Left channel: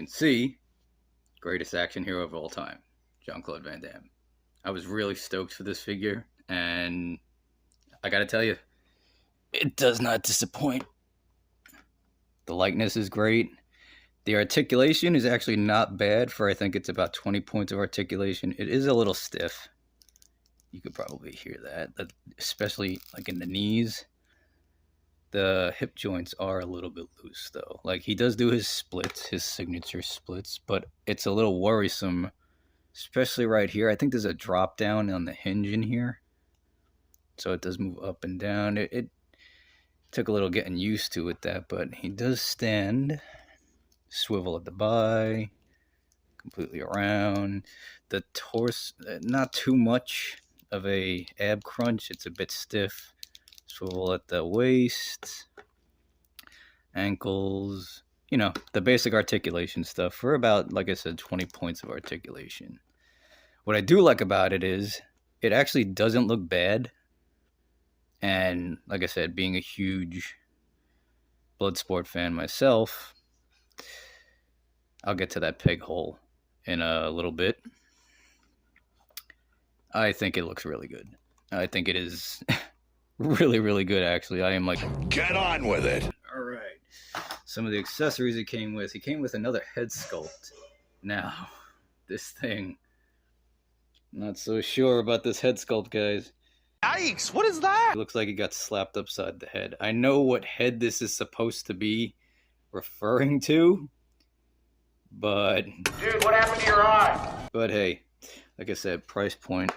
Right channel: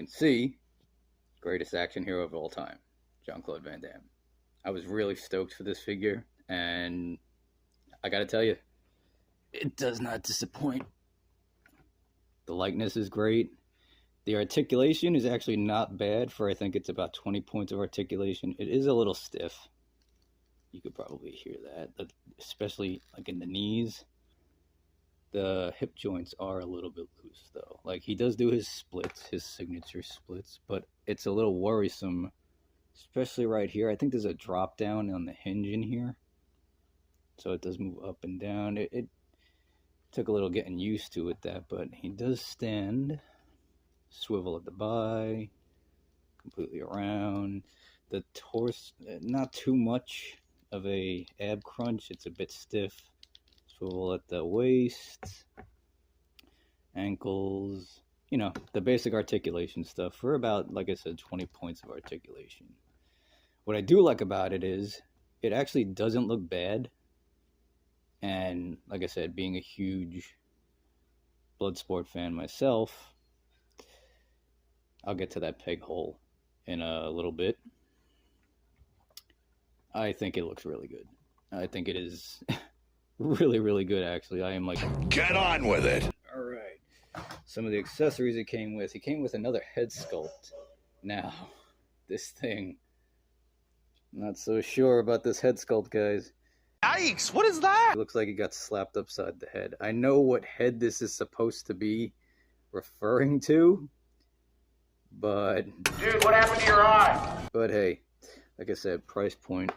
can see, greatest action hero of all time, Jean-Claude Van Damme. I was really stoked for this figure, and I gotta tell you, it does not disappoint. The likeness is great. The articulation is actually not bad for, I think it's about 20 points of articulation. It is a little stiff. You could probably hear that, especially like in the knees. The hip joints are a little bit loose though. Like he does do his splits, his signature splits, but it's a little worrisome, especially right here. I think there's a drop down on the hinge in here. So it does move up and down. It took a little getting used to with that, but he does stand, swivel at the by, completely around. The torso, not too much of a ab crunch. It's a bit stiff. Swivel at the waist, ankles, you know, the basic articulation stuff for about, like I said, 20 points of articulation. What I do like about it is it actually doesn't look bad. And like I said, being a huge Bloodsport fan myself, I'll get to that peg hole in a little bit. I think it looks really good. I think it is really, really good, actually. I am like, get on with it. All right. Some of the accessories it came with. He came with another head sculpt. Now, this thing, not so sure about this head sculpt, guys. Yikes, what is that? It looks like he got slapped upside the head. I know what head this is supposed to be referring to, but... Dude, what happened to your eye? But hey, like I said, price point.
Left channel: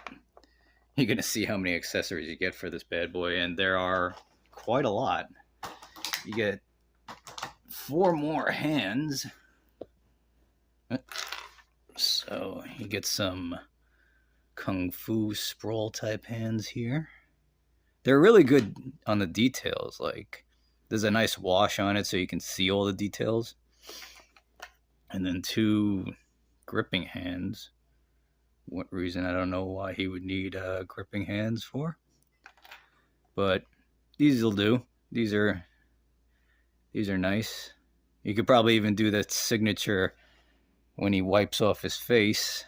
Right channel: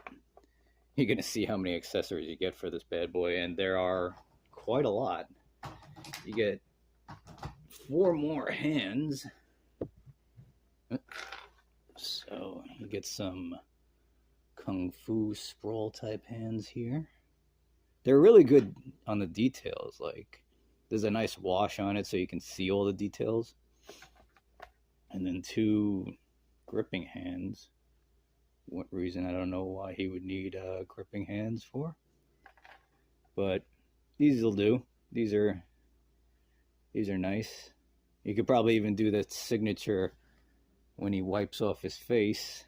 You're going to see how many accessories you get for this bad boy, and there are quite a lot. You get 4 more hands. So you get some Kung Fu sprawl type hands here. They're really good on the details. Like, there's a nice wash on it so you can see all the details. And then 2 gripping hands. What reason, I don't know why he would need gripping hands for. But these will do. These are nice. You could probably even do that signature when he wipes off his face.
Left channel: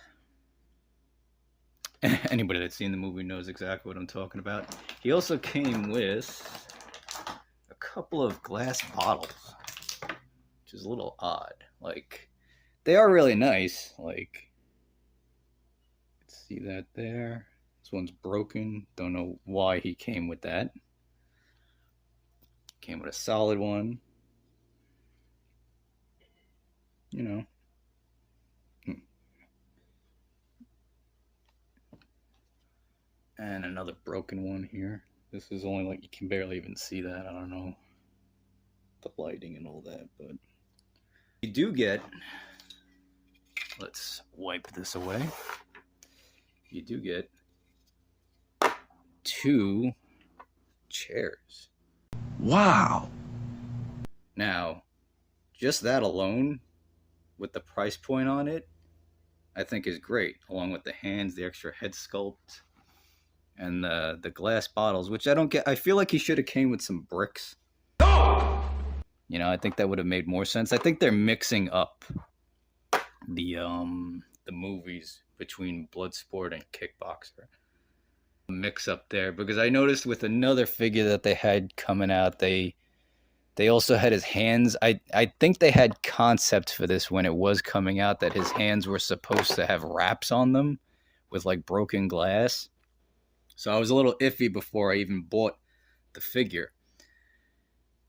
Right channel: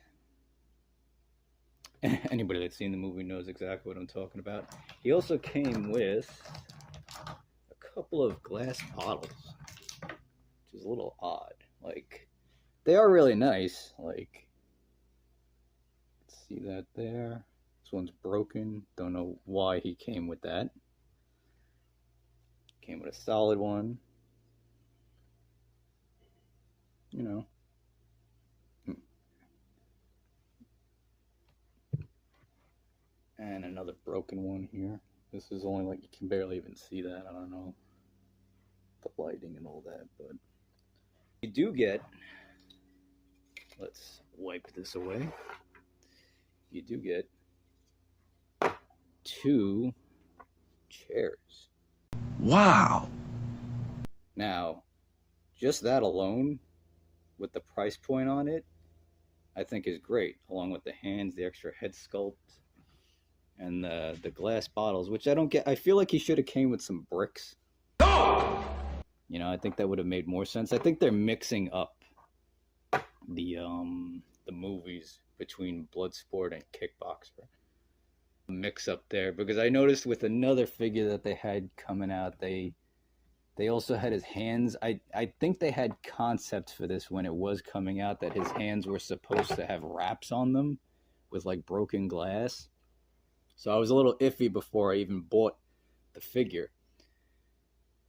Anybody that's seen the movie knows exactly what I'm talking about. He also came with a couple of glass bottles, which is a little odd. Like, they are really nice. Like, see that there? This one's broken. Don't know why he came with that. Came with a solid one. You know. And another broken one here. This is only like, you can barely even see that. I don't know. The lighting and all that, but you do get, let's wipe this away. You do get 2 chairs. Wow. Now, just that alone, with the price point on it, I think is great. Along with the hands, the extra head sculpt, and the glass bottles, which I don't get. I feel like he should have came with some bricks. No! You know, I think that would have made more sense. I think they're mixing up the movies between Bloodsport and Kickboxer. Mix up there, because I noticed with another figure that they had coming out, they also had his hands. I think they had concept for this when it was coming out, that his hands were supposed to have wraps on them with like broken glass. So I was a little iffy before I even bought the figure,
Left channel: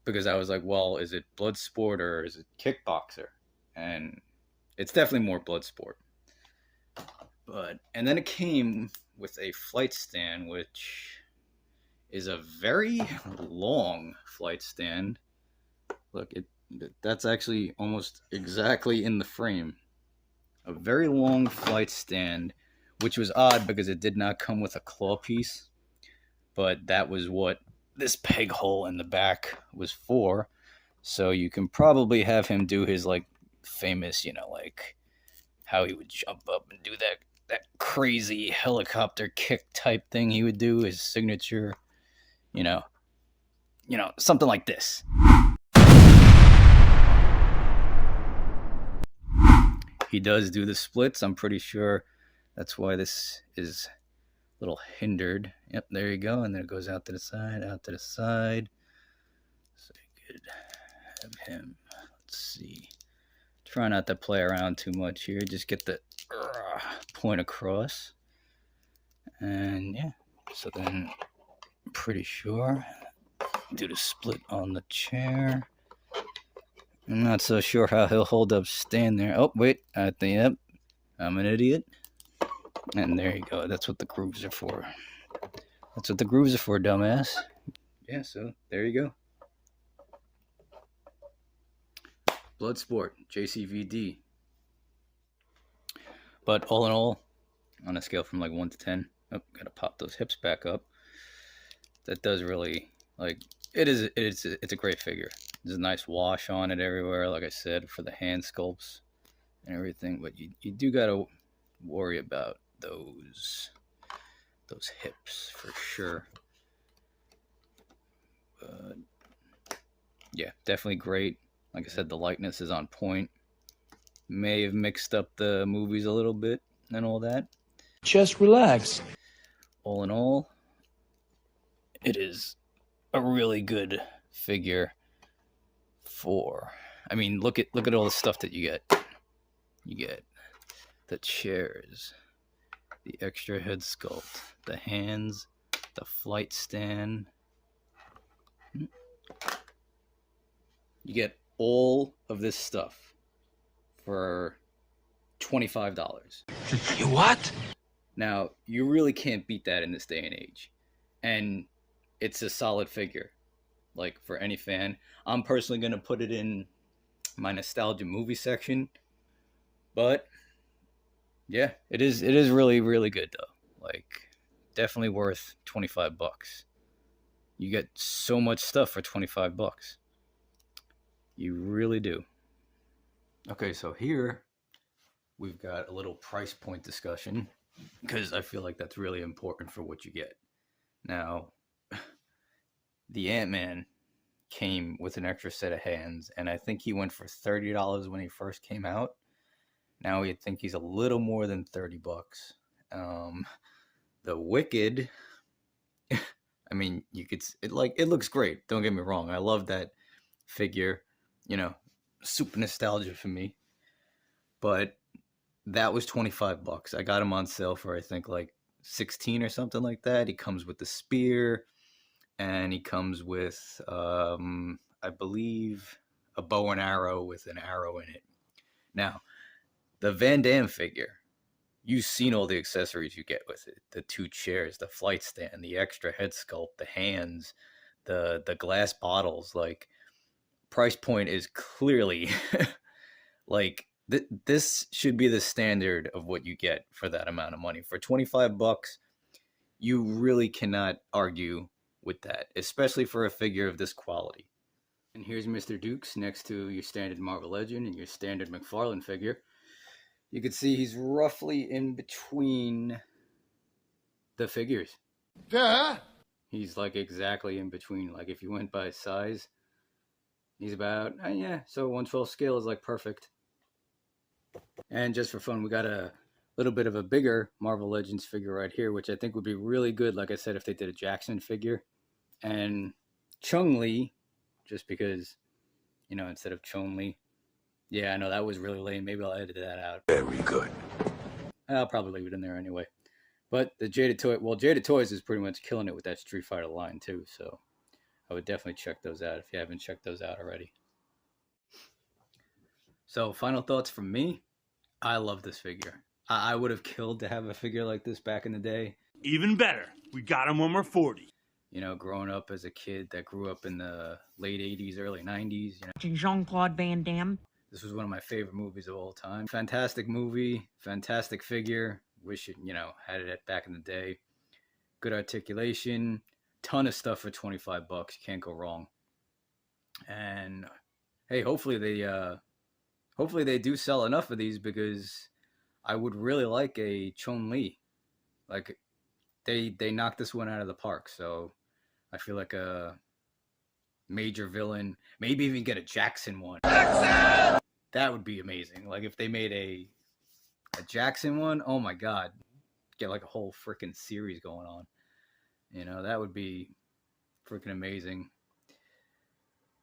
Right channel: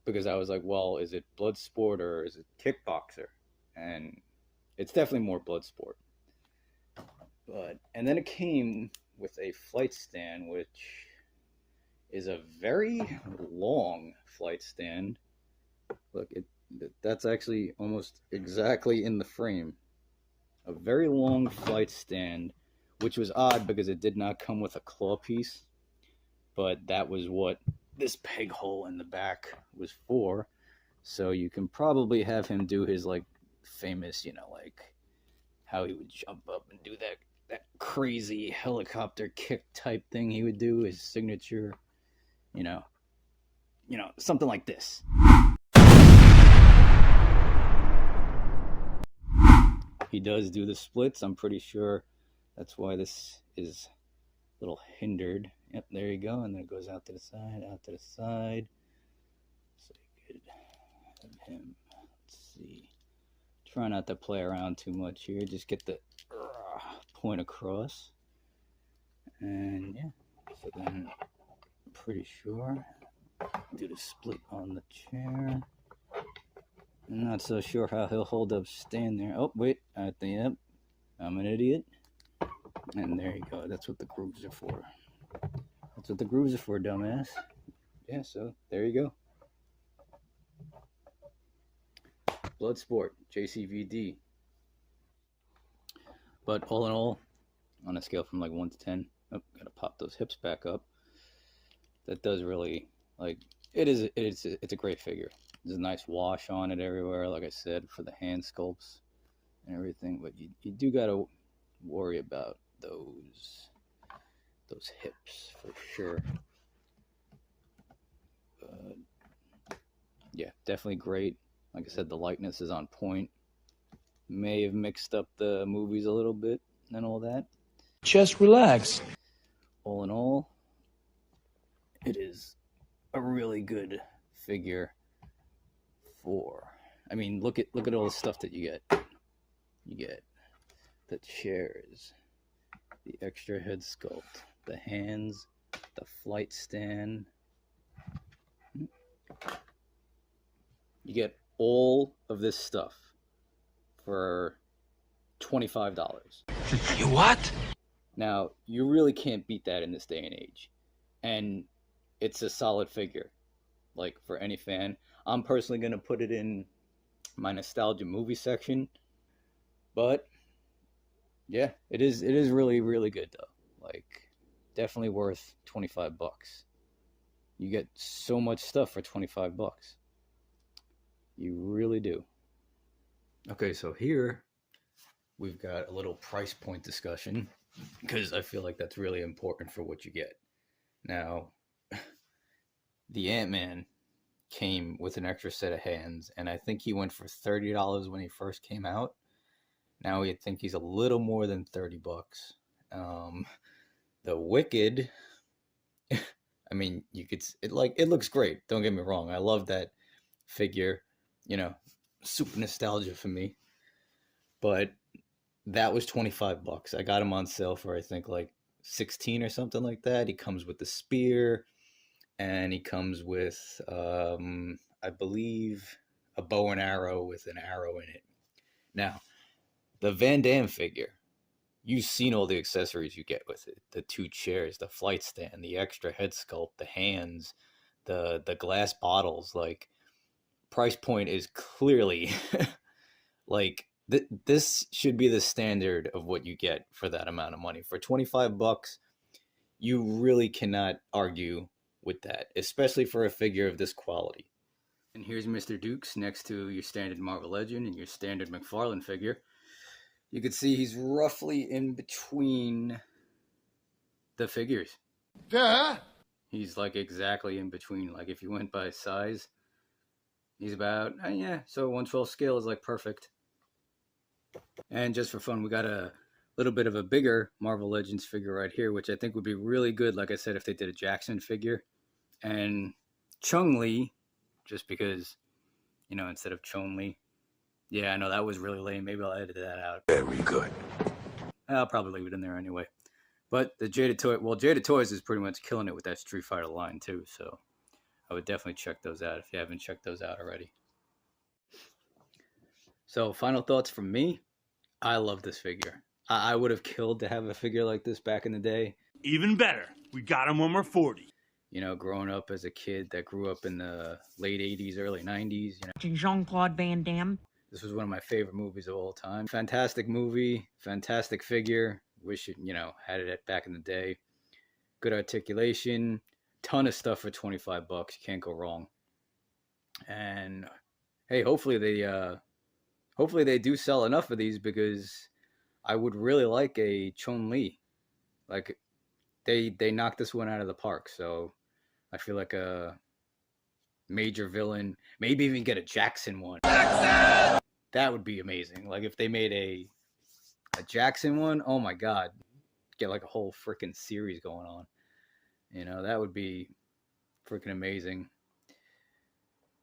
because I was like, well, is it Bloodsport or is it Kickboxer? And it's definitely more Bloodsport. And then it came with a flight stand, which is a very long flight stand. Look, that's actually almost exactly in the frame. A very long flight stand, which was odd because it did not come with a claw piece. But that was what this peg hole in the back was for. So you can probably have him do his like famous, you know, like how he would jump up and do that crazy helicopter kick type thing he would do, his signature, you know, something like this. he does do the splits. I'm pretty sure that's why this is a little hindered. Yep, there you go. And then it goes out to the side, out to the side. So you could have him. Let's see. Try not to play around too much here. Just get the point across. And yeah, so then I'm pretty sure do the split on the chair. I'm not so sure how he'll hold up stand there. Oh, wait, yep, I'm an idiot. And there you go. That's what the grooves are for. That's what the grooves are for, dumbass. Yeah, so there you go. Bloodsport, JCVD. But all in all, on a scale from like 1 to 10, oh, gotta pop those hips back up. That does really, like, it's a great figure. There's a nice wash on it everywhere, like I said, for the hand sculpts and everything. But you do gotta worry about those hips for sure. But yeah, definitely great. Like I said, the likeness is on point. May have mixed up the movies a little bit and all that. Just relax. All in all, it is a really good figure for, I mean, look at all the stuff that you get. You get the chairs, the extra head sculpt, the hands, the flight stand. You get all of this stuff for $25. You what? Now, you really can't beat that in this day and age. And it's a solid figure, like, for any fan. I'm personally going to put it in my nostalgia movie section. But yeah, it is really, really good though. Like, definitely worth $25. You get so much stuff for $25. You really do. Okay, so here we've got a little price point discussion, because I feel like that's really important for what you get. Now, the Ant-Man came with an extra set of hands, and I think he went for $30 when he first came out. Now I think he's a little more than $30. The Wicked, I mean, it looks great. Don't get me wrong. I love that figure. You know, super nostalgia for me. But that was $25. I got him on sale for, I think, like 16 or something like that. He comes with the spear, and he comes with, I believe, a bow and arrow with an arrow in it. Now, the Van Damme figure, you've seen all the accessories you get with it. The 2 chairs, the flight stand, the extra head sculpt, the hands, the glass bottles. Like, price point is clearly like, this should be the standard of what you get for that amount of money. For $25, you really cannot argue with that, especially for a figure of this quality. And here's Mr. Dukes next to your standard Marvel Legend and your standard McFarlane figure. You can see he's roughly in between the figures. Duh. He's like exactly in between. Like, if you went by size, he's about, yeah, so 1/12 scale is like perfect. And just for fun, we got a little bit of a bigger Marvel Legends figure right here, which I think would be really good, like I said, if they did a Jackson figure. And Chung-Li, just because, you know, instead of Chun-Li. Yeah, I know, that was really lame. Maybe I'll edit that out. Very good. I'll probably leave it in there anyway. But the Jaded Toy, well, Jaded Toys is pretty much killing it with that Street Fighter line too. So I would definitely check those out if you haven't checked those out already. So final thoughts from me. I love this figure. I would have killed to have a figure like this back in the day. Even better, we got him when we're 40. You know, growing up as a kid that grew up in the late 80s, early 90s. You know, Jean-Claude Van Damme. This was one of my favorite movies of all time. Fantastic movie, fantastic figure. Wish it, you know, had it back in the day. Good articulation, ton of stuff for $25. You can't go wrong. And hey, hopefully they do sell enough of these, because I would really like a Chun-Li. Like, they knocked this one out of the park. So I feel like a major villain, maybe even get a Jackson one. Jackson! That would be amazing. Like, if they made a A Jackson one, oh my God. Get like a whole freaking series going on. You know, that would be freaking amazing.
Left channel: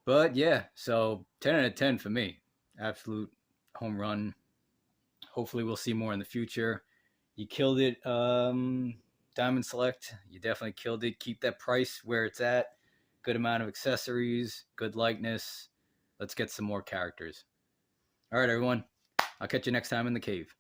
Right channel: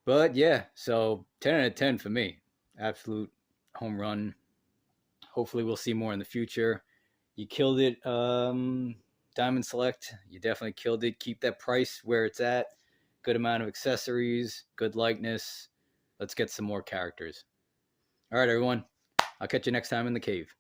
But yeah, so 10 out of 10 for me. Absolute home run. Hopefully we'll see more in the future. You killed it, Diamond Select. You definitely killed it. Keep that price where it's at. Good amount of accessories, good likeness. Let's get some more characters. All right, everyone. I'll catch you next time in the cave.